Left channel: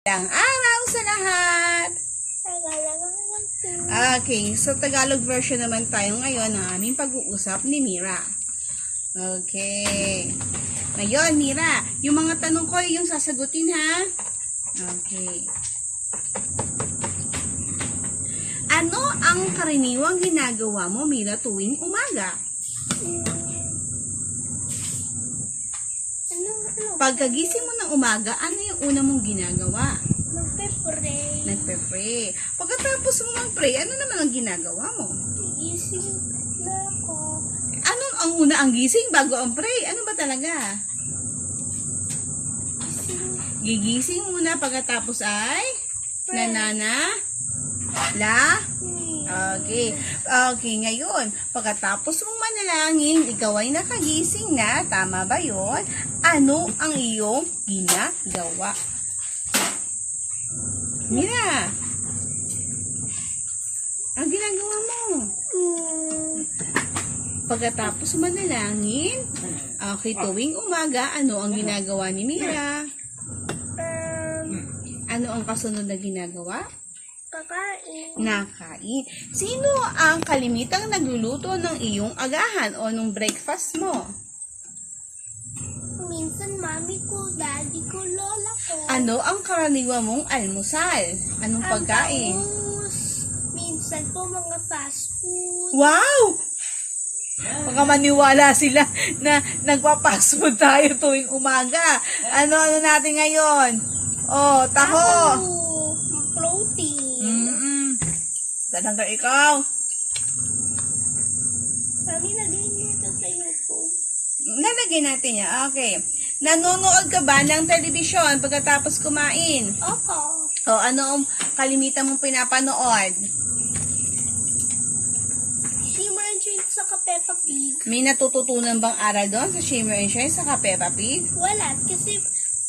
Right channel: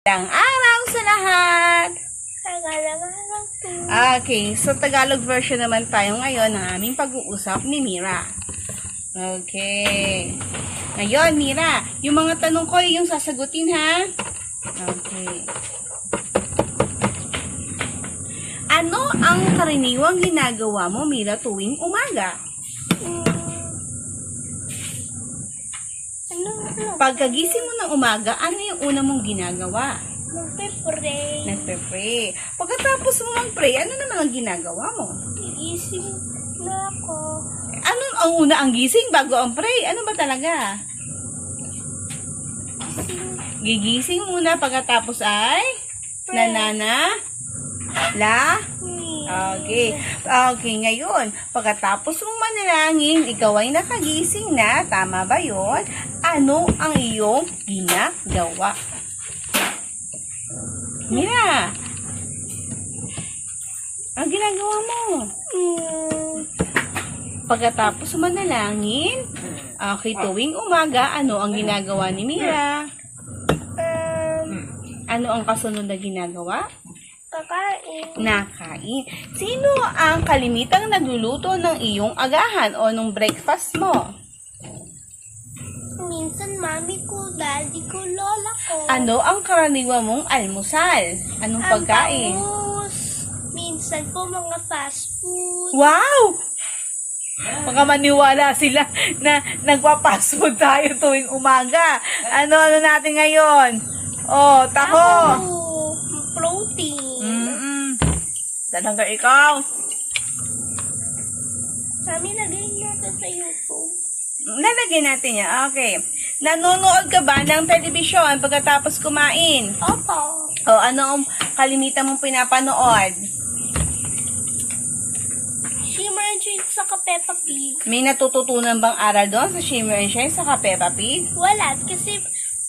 Magandang araw sa lahat! Okay, so Tagalog version naman tayo ngayon ng aming pag-uusap ni Mira. Okay. Ngayon, Mira, yung mga tanong ko yung sasagutin, ha? Okay. Ano ang karaniwang ginagawa mo, Mira, tuwing umaga? Pagkagising mo ng umaga, ano yung una mong ginagawa? Nagpe-pray. Nagpe-pray. Pagkatapos mo mag-pray, ano naman ang ginagawa mo? Gigising na ako. Ano ang una ang gising bago ang pray? Ano ba talaga? Gigising muna pagkatapos ay Okay. Okay, ngayon, pagkatapos mong manalangin, ikaw ay nakagising na, tama ba yun? Ano ang iyong ginagawa? Mira, ang ginagawa mo? Pagkatapos manalangin, okay, tuwing umaga, ano ang ginagawa ni Mira? Ano ang kasunod na ginagawa? Kakain. Nakain. Sino ang kalimitang nagluluto ng iyong agahan o ng breakfast mo? Minsan mami ko, daddy ko, lola ko. Ano ang karaniwan mong almusal? Anong pagkain? Bangus. Minsan po mga fast food. Wow! Baka maniwala sila na nagpa-fast food tayo tuwing umaga. Ano natin ngayon? Oh, taho. Protein. Talaga ikaw. Mami, lagay natin sa YouTube. Lalagyan natin yan. Okay. Nanonood ka ba ng telebisyon pagkatapos kumain? Opo. O ano ang kalimitan mong pinapanood? Shimmer and Shine sa Peppa Pig. May natututunan bang aral doon sa Shimmer and Shine sa Peppa Pig? Wala, kasi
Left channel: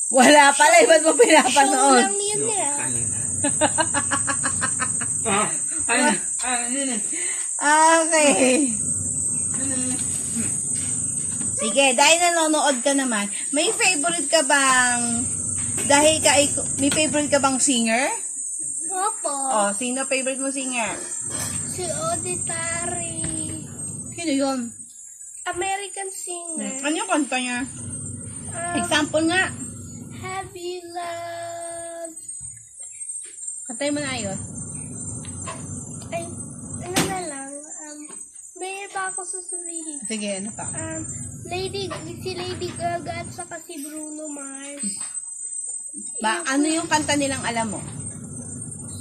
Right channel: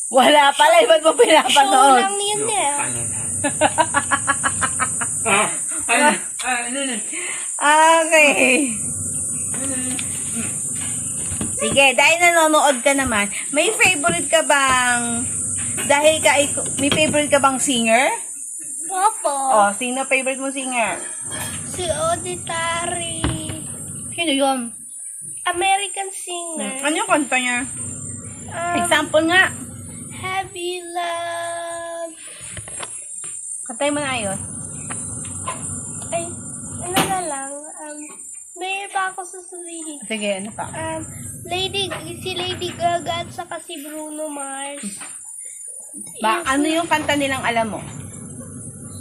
Wala pala. Ba't mo show pinapanood? lang yun eh. Okay. Sige, dahil nanonood ka naman, may favorite ka bang, may favorite ka bang singer? Opo. Oh, sino favorite mo singer? Si Auditary. Sino yun? American singer. Ano yung kanta niya? Example nga. Heavy Love. Kantay mo na ayos. Ay, ano na lang. May iba ako sasabihin. Sige, ano pa? Si Lady Gaga at saka si Bruno Mars. Ano yung kanta nilang alam mo?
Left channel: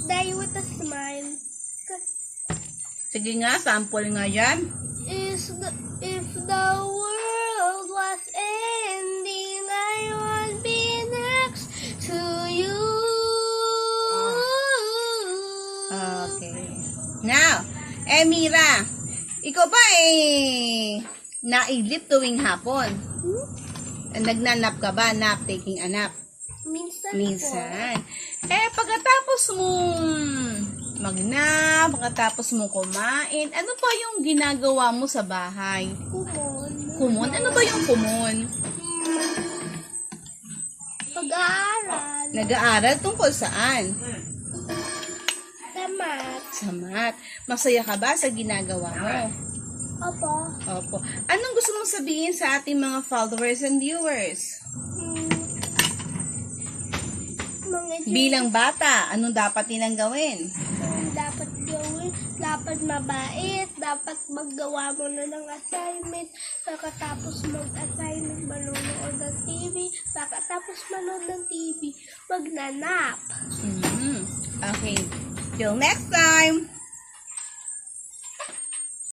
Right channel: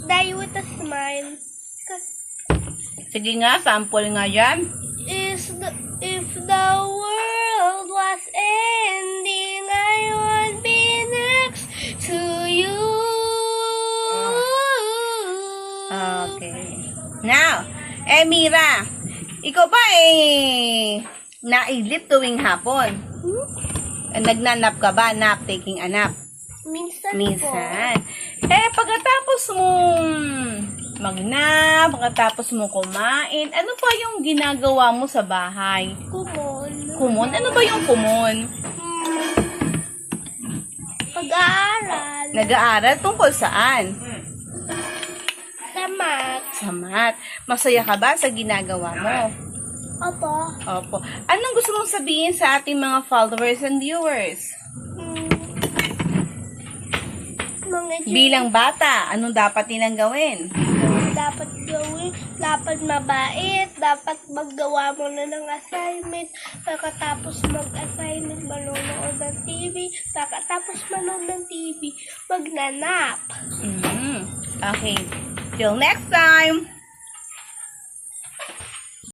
Die with a Smile. Sige nga, sample nga dyan. If the world was ending, I would be next to you. Okay. Now, Mira, ikaw ba naidlip tuwing hapon? Nagnanap ka ba? Taking a nap? Minsan. Minsan. Pagkatapos mong magnap, pagkatapos mong kumain, ano pa yung ginagawa mo sa bahay? Kumon. Kumon? Ano ba yung kumon? Pag-aaral. Nag-aaral tungkol saan? Sa math. Sa math. Masaya ka ba sa ginagawa mo? Opo. Opo. Anong gusto mong sabihin sa ating mga followers and viewers? Bilang bata, anong dapat nilang gawin? Dapat gawin, dapat mabait, dapat maggawa mo na ng assignment, pagkatapos mag-assignment, manonood ng TV, pagkatapos manood ng TV, magnanap. Okay. Till next time!